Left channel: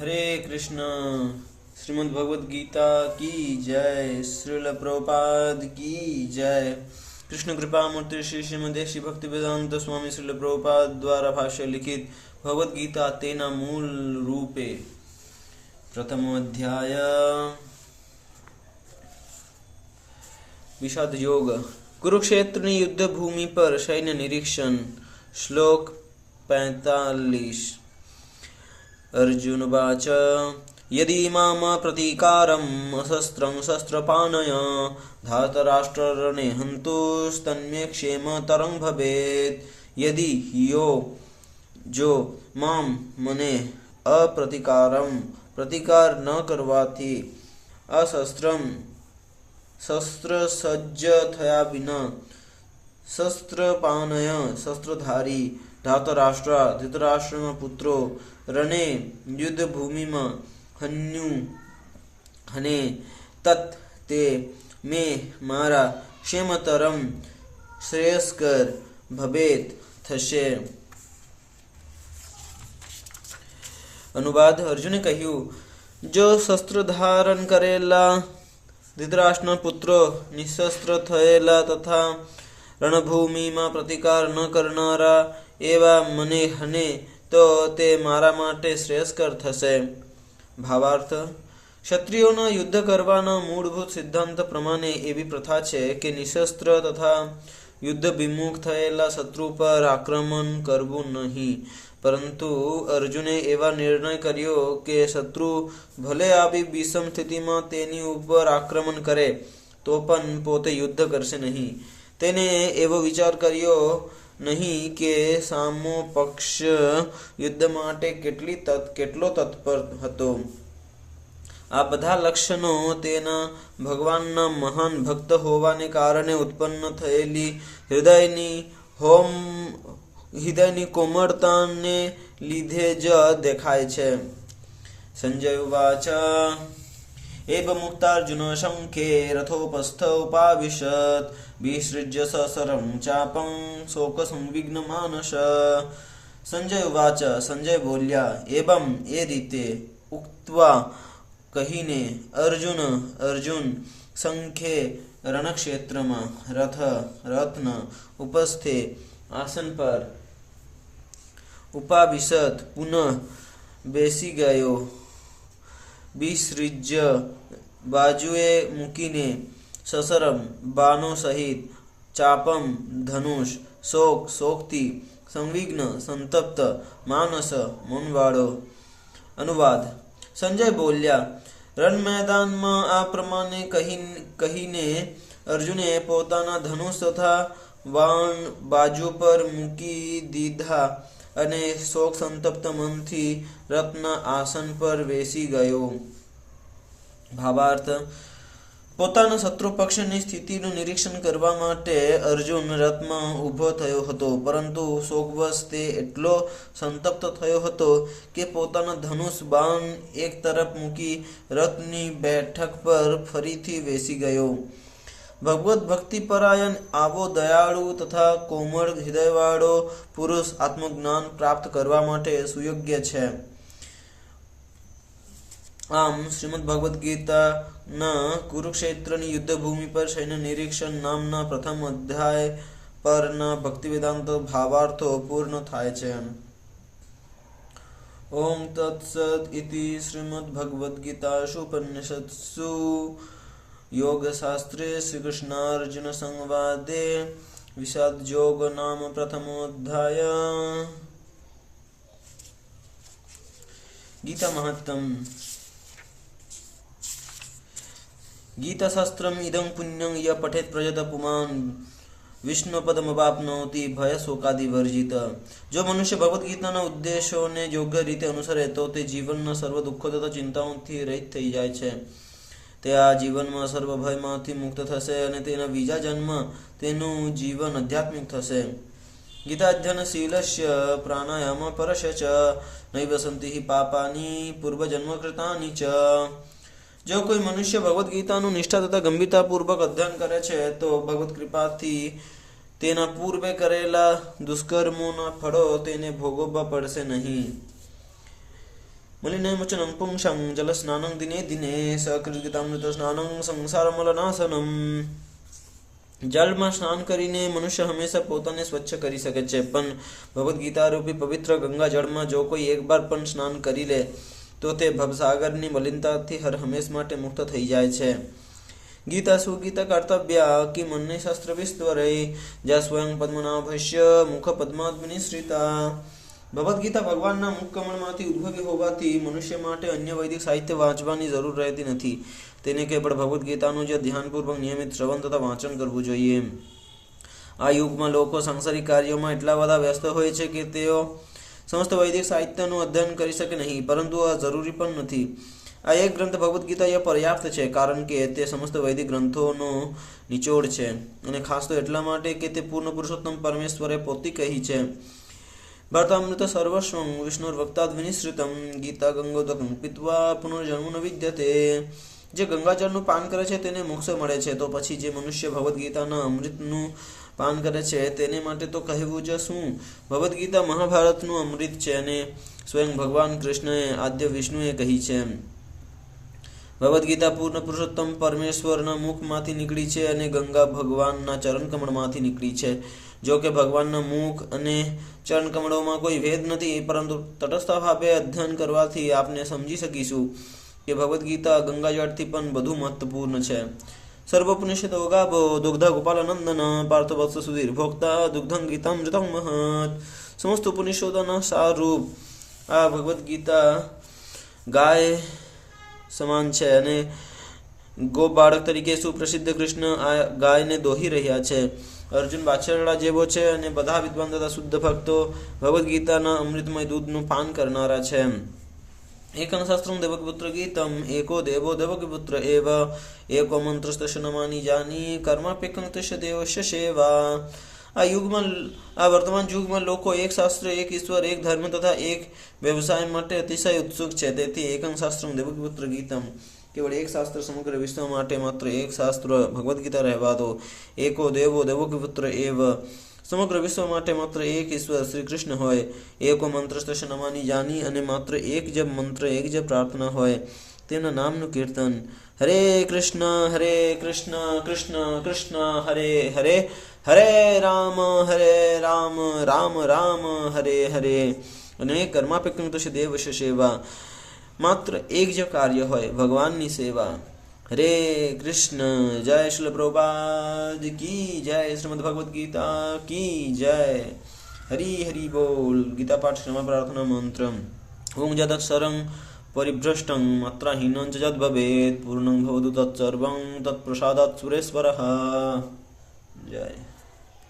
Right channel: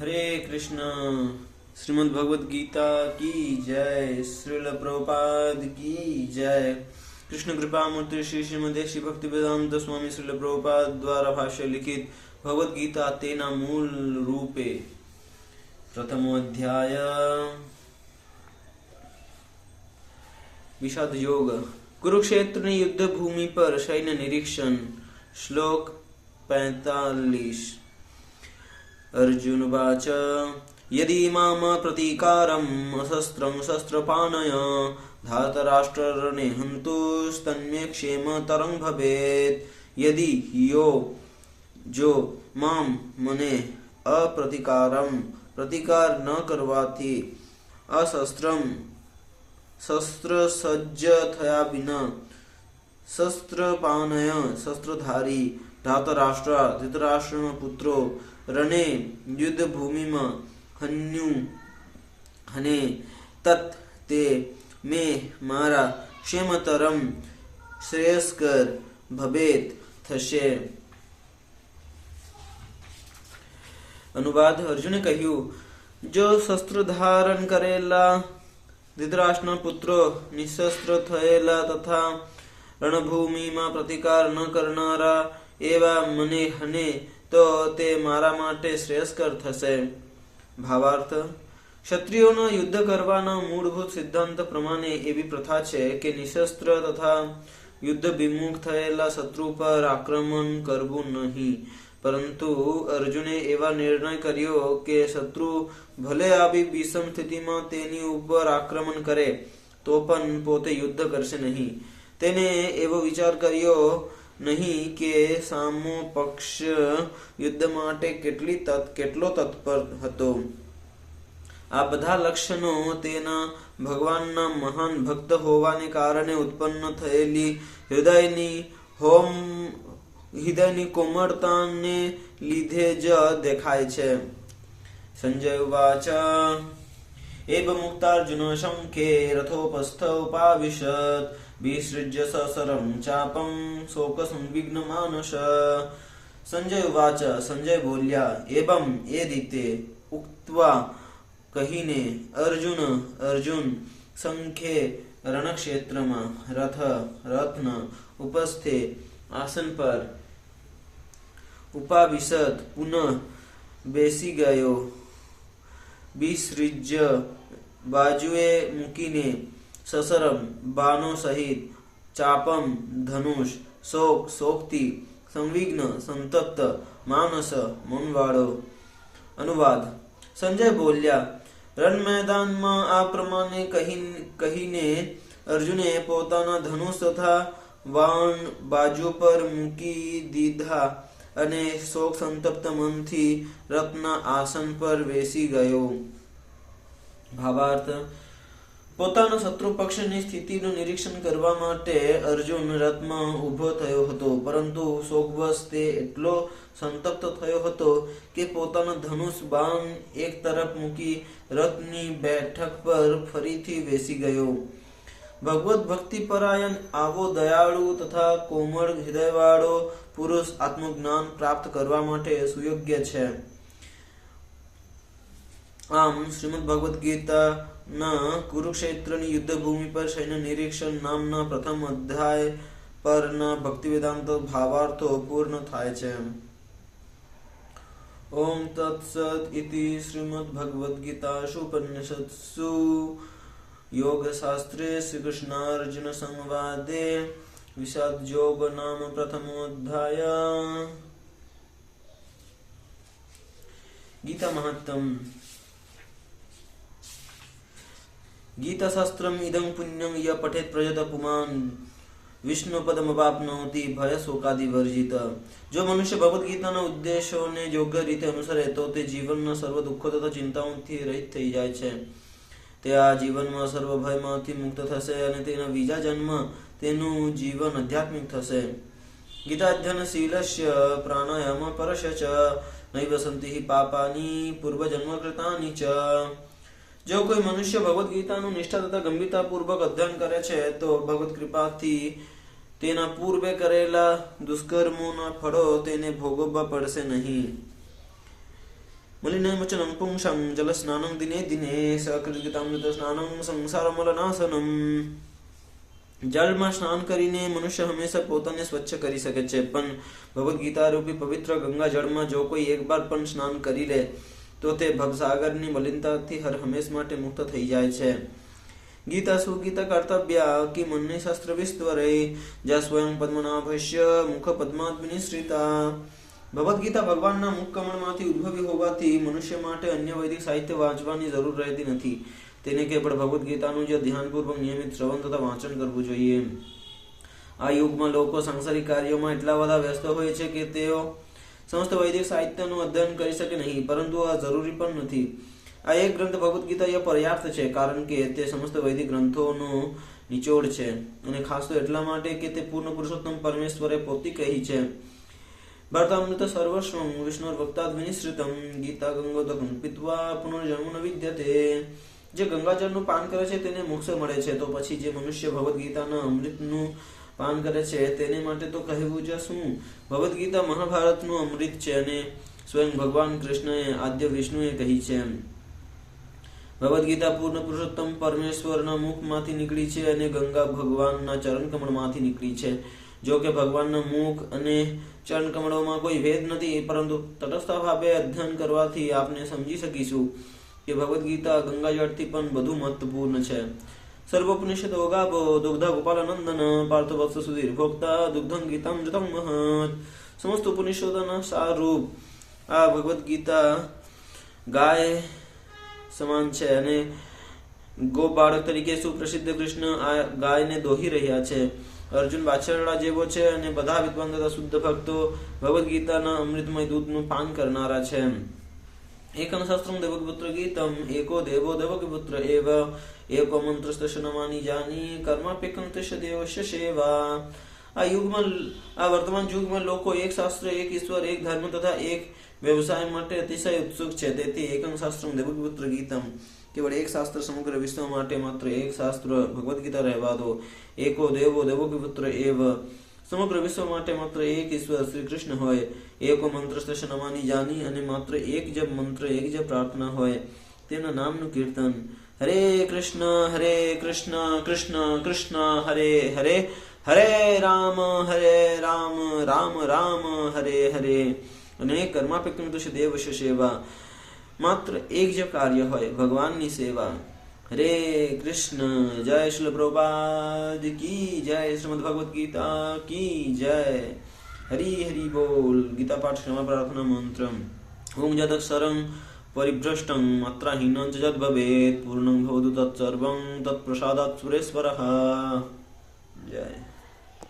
हरे कृष्ण। श्रीमद् भगवद गीता की जय। श्रील प्रभुपाद की जय। कृष्ण कृपा मूर्ति श्री श्रीमदे श्री भक्ति वेदांत स्वामी श्रील प्रभुपाद द्वारा भाष्य लिखित भगवद गीता तेना मूल रूपे। प्रथमो अध्याय विषाद योग। कुरुक्षेत्र युद्ध भूमि पर सैन्य निरीक्षण। श्लोक 45। अर्जुनवाच यदि माम प्रतीकारम् अशस्त्रं शस्त्रपाणय धातराष्ट्ररणे हन्तुस्तन्मे क्षेमतरं भवेत्। यदि यो जो माम मने अप्रतीकारम प्रतिकार न करवाથી અશસ્ત્રમ શસ્ત્ર સજ્જ થયા વિના શસ્ત્રપાનય શસ્ત્રધારી ધાતરાષ્ટ્ર ધૃતરાષ્ટ્રના પુત્રો રણે યુદ્ધ ભૂમિમાં હન્યુ હને તત તે મે મારા ક્ષેમતરમ શ્રેયસ્કર ભવેત થશે। अनुवाद। अर्जुने કહ્યું, જો શસ્ત્ર ધારણ કરેલા ધૃતરાષ્ટ્રના પુત્રો નિશસ્ત્ર થયેલા તથા રણભૂમિમાં પ્રતિકાર ન કરનારા એવા મને હને તો તે મારા માટે શ્રેયસ્કર થશે। ભાવાર્થ। ક્ષત્રિયોના યુદ્ધ કરવાના મૂળભૂત સિદ્ધાંત પ્રમાણે એવી પ્રથા છે કે નિશસ્ત્ર તથા યુદ્ધ વિમુખ થયેલા શત્રુ પર આક્રમણ કરવું નહીં, પરંતુ અર્જુને એવા નિર્ણય કર્યો કે શત્રુ ભલે આવી વિષમ સ્થિતિમાં તેની ઉપર આક્રમણ કરે તો પણ પોતે યુદ્ધ કરશે નહીં। તેને એવો વિચાર કર્યો નહીં કે સામો પક્ષ યુદ્ધ માટે કેટલો તત્પર હતો। આ બધા લક્ષણો તેના ભગવાનના મહાન ભક્ત હોવાને કારણે ઉત્પન્ન થયેલી હૃદયની કોમળતાને લીધે જ દેખાય છે। સંજય ઉવાચ एवमुक्तार्जुन शङ्खे रथोपस्थ उपाविशत् विसृज्य ससरं चापं शोकसंविघ्नमानस। संजय उवाच। संजय बोल्या, एवं ए रीते उक्त्वा कहीने अर्जुन शंखे रणक्षेत्रमा रत्न उपस्थे आसन पर उपाविशत पुनः बेसी गयो। विसृज्य बाजुए मूकीने ससरम बाणों सहित चापम धनुष शोकती संविघ्न संतप्त मानस मनवाड़ो। अनुवाद। संजय बोल्या, रण मैदान में आ प्रमाणे कहीने अर्जुने पोताना धनुष तथा बाण बाजू पर मूकी दीधा અને શોક સંતપ્ત મનથી રત્ન આસન પર બેસી ગયો। ભાવાર્થ। પોતાના શત્રુ પક્ષની સ્થિતિનું નિરીક્ષણ કરવા માટે અર્જુન રથમાં ઊભો થયો હતો, પરંતુ શોકવશ તે એટલો સંતપ્ત થયો હતો કે પોતાના ધનુષ બાણ એક તરફ મૂકી રથની બેઠક પર ફરીથી બેસી ગયો। ભગવત ભક્તિ પરાયણ આવો દયાળુ તથા કોમળ હૃદયવાળો પુરુષ આત્મજ્ઞાન પ્રાપ્ત કરવા માટે સુયોગ્ય છે। આમ શ્રીમદ ભગવદ ગીતાના કુરુક્ષેત્રની યુદ્ધભૂમિ પર સૈન્ય નિરીક્ષણ નામના પ્રથમ અધ્યાય પરના ભક્તિવેદાંત ભાવાર્થો પૂર્ણ થાય છે। ઓમ તત્સત ઇતિ શ્રીમદ ભગવદ ગીતાસુ ઉપનિષત્સુ योग शास्त्रे श्री कृष्णार्जुन संवादे विषाद योग नाम प्रथमोऽध्याय। गीता महत्तम। गीता शास्त्रम इदं पुण्यं य पठेत प्रजत पुमान् विष्णुपदमवाप्नोति भय शोकादि वर्जित। जो मनुष्य भगवद गीताના ઉદ્દેશોને યોગ્ય રીતે અનુસરે તો તે જીવનના સર્વ દુઃખો તથા ચિંતાઓથી રહિત થઈ જાય છે। તે આ જીવનમાં સર્વ ભયમાંથી મુક્ત થશે અને તેના બીજા જન્મ તેનું જીવન આધ્યાત્મિક થશે। ગીતાધ્યયનશીલસ્ય પ્રાણાયામ પરસ્ય ચ નૈવ સંતિ પાપાની પૂર્વજન્મકૃતાની ચ। જો કોઈ મનુષ્ય ભગવદ ગીતાનું નિષ્ઠા તથા ગંભીરતાપૂર્વક અધ્યયન કરે છે તો ભગવત કૃપાથી તેના પૂર્વે કરેલા દુષ્કર્મોના ફળો તેને ભોગવવા પડશે નહીં। मलिनमचनं पुंसां जलस्नानं दिने दिने सकृतगीतामृतस्नानं संसारमलनाशनम्। જળમાં સ્નાન કરીને મનુષ્ય હંમેશા પોતાને સ્વચ્છ કરી શકે છે, પણ ભગવદ્ ગીતા રૂપી પવિત્ર ગંગા જળમાં જો કોઈ એક બાર પણ સ્નાન કરી લે તો તે ભવસાગરની મલિનતાથી હર હંમેશ માટે મુક્ત થઈ જાય છે। ગીતા સુગીતા કર્તવ્ય कि मुन्नि शास्त्र विस्तरे ज स्वयं पद्मनाभस्य मुख पद्माद्मिनिश्रिता। ભગવદ્ ગીતા ભગવાનના મુખ કમળમાંથી ઉદ્ભવી હોવાથી મનુષ્ય માટે અન્ય વૈદિક સાહિત્ય વાંચવાની જરૂર રહેતી નથી। તેને કેવળ ભગવદ્ ગીતાનું જ ધ્યાનપૂર્વક નિયમિત શ્રવણ તથા વાંચન કરવું જોઈએ। આ યુગમાં લોકો સાંસારિક કાર્યોમાં એટલા બધા વ્યસ્ત હોય છે કે તેઓ સમસ્ત વૈદિક સાહિત્યનું અધ્યયન કરી શકે નહીં, પરંતુ આ જરૂરી પણ નથી। આ એક ગ્રંથ ભગવદ્ ગીતા એ પર્યાપ્ત છે, કારણ કે તે સમસ્ત વૈદિક ગ્રંથોનો નિચોડ છે, અને ખાસ તો એટલા માટે કે તે પૂર્ણ પુરુષોત્તમ પરમેશ્વરે પોતે કહી છે, ભરતામૃત સર્વસ્વં વિષ્ણુર્વક્તાદ વિનિશ્રિતમ ગીતા ગંગોદકં પીત્વા પુનર્જન્મ ન વિદ્યતે। જે ગંગાજળનું પાન કરે છે તેને મોક્ષ મળે છે, તો પછી જે મનુષ્ય ભગવદ્ ગીતાના અમૃતનું પાન કરે છે તેને માટે તો કહેવું જ શું। ભગવદ્ ગીતા મહાભારતનું અમૃત છે અને સ્વયં ભગવાન કૃષ્ણએ આદ્ય વિષ્ણુએ કહી છે। ભગવદ્ ગીતા પૂર્ણ પુરુષોત્તમ પરમેશ્વરના મુખમાંથી નીકળી છે અને ગંગા ભગવાનના ચરણ કમળમાંથી નીકળી છે। જો કે ભગવાનના મુખ અને ચરણ કમળોમાં કોઈ ભેદ નથી, પરંતુ તટસ્થ ભાવે અધ્યયન કરવાથી આપણે સમજી શકીશું કે ભગવદ્ ગીતા ગંગાજળથી પણ વધુ મહત્વપૂર્ણ છે। સર્વોપનિષદો ગાવો દુગ્ધા ગોપાલનંદન પાર્થ વત્સ સુધીર ભોક્તા દુગ્ધં ગીતામૃતં મહત। સમસ્ત ઉપનિષદોના સારરૂપ આ ભગવદ્ ગીતા ગાય સમાન છે, અને ગો બાળક તરીકે સુપ્રસિદ્ધ કૃષ્ણ આ ગાયને દોહી રહ્યા છે। અર્જુન બાછરડા જેવો છે અને બધા વિદ્વાન તથા શુદ્ધ ભક્તો ભગવદ્ ગીતાના અમૃતમય દૂધનું પાન કરનારા છે। એકં શાસ્ત્રં દેવકીપુત્ર ગીતમ એકો દેવો દેવકીપુત્ર એવ એકો મંત્રસ્તસ્ય નમાની જાની કર્માપ્યકં તસ્ય દેવસ્ય સેવા। આ વર્તમાન યુગમાં લોકો એક શાસ્ત્ર, એક ઈશ્વર, એક ધર્મ તથા એક વ્યવસાય માટે અતિશય ઉત્સુક છે। તેથી એકં શાસ્ત્રં દેવકીપુત્ર ગીતમ, કેવળ એક શાસ્ત્ર સમગ્ર વિશ્વ માટે માત્ર એક શાસ્ત્ર ભગવદ્ ગીતા રહેવા દો। એકો દેવો દેવકીપુત્ર એવ, સમગ્ર વિશ્વ માટે માત્ર એક ઈશ્વર શ્રી કૃષ્ણ હોય। એકો મંત્રસ્તસ્ય નમાની જાની, અને માત્ર એક જપ મંત્ર, એક જપ પ્રાર્થના હોય, તેના નામનું કીર્તન। હરે કૃષ્ણ કૃષ્ણ કૃષ્ણ હરે હરે, હરે રામ રામ રામ હરે હરે, અને કર્માપ્યકં તસ્ય દેવસ્ય સેવા, માત્ર એક જ કાર્ય હોય, ભગવાનની સેવા। હરે કૃષ્ણ। જય શ્રી પ્રભુપાદ કી જય, શ્રીમદ ભગવદ ગીતા કી જય। હરિ હરિ બોલ। ગીતા પાઠ ક્ષમા પ્રાર્થના મંત્ર। ઓમ જદક્ષરં પરિભ્રષ્ટં માત્રાહીनं ચ જદ ભવેत् પૂર્ણં ભવતુ તત્સર્વં તત્પ્રસાદાत् સુરેશ્વરः। જય।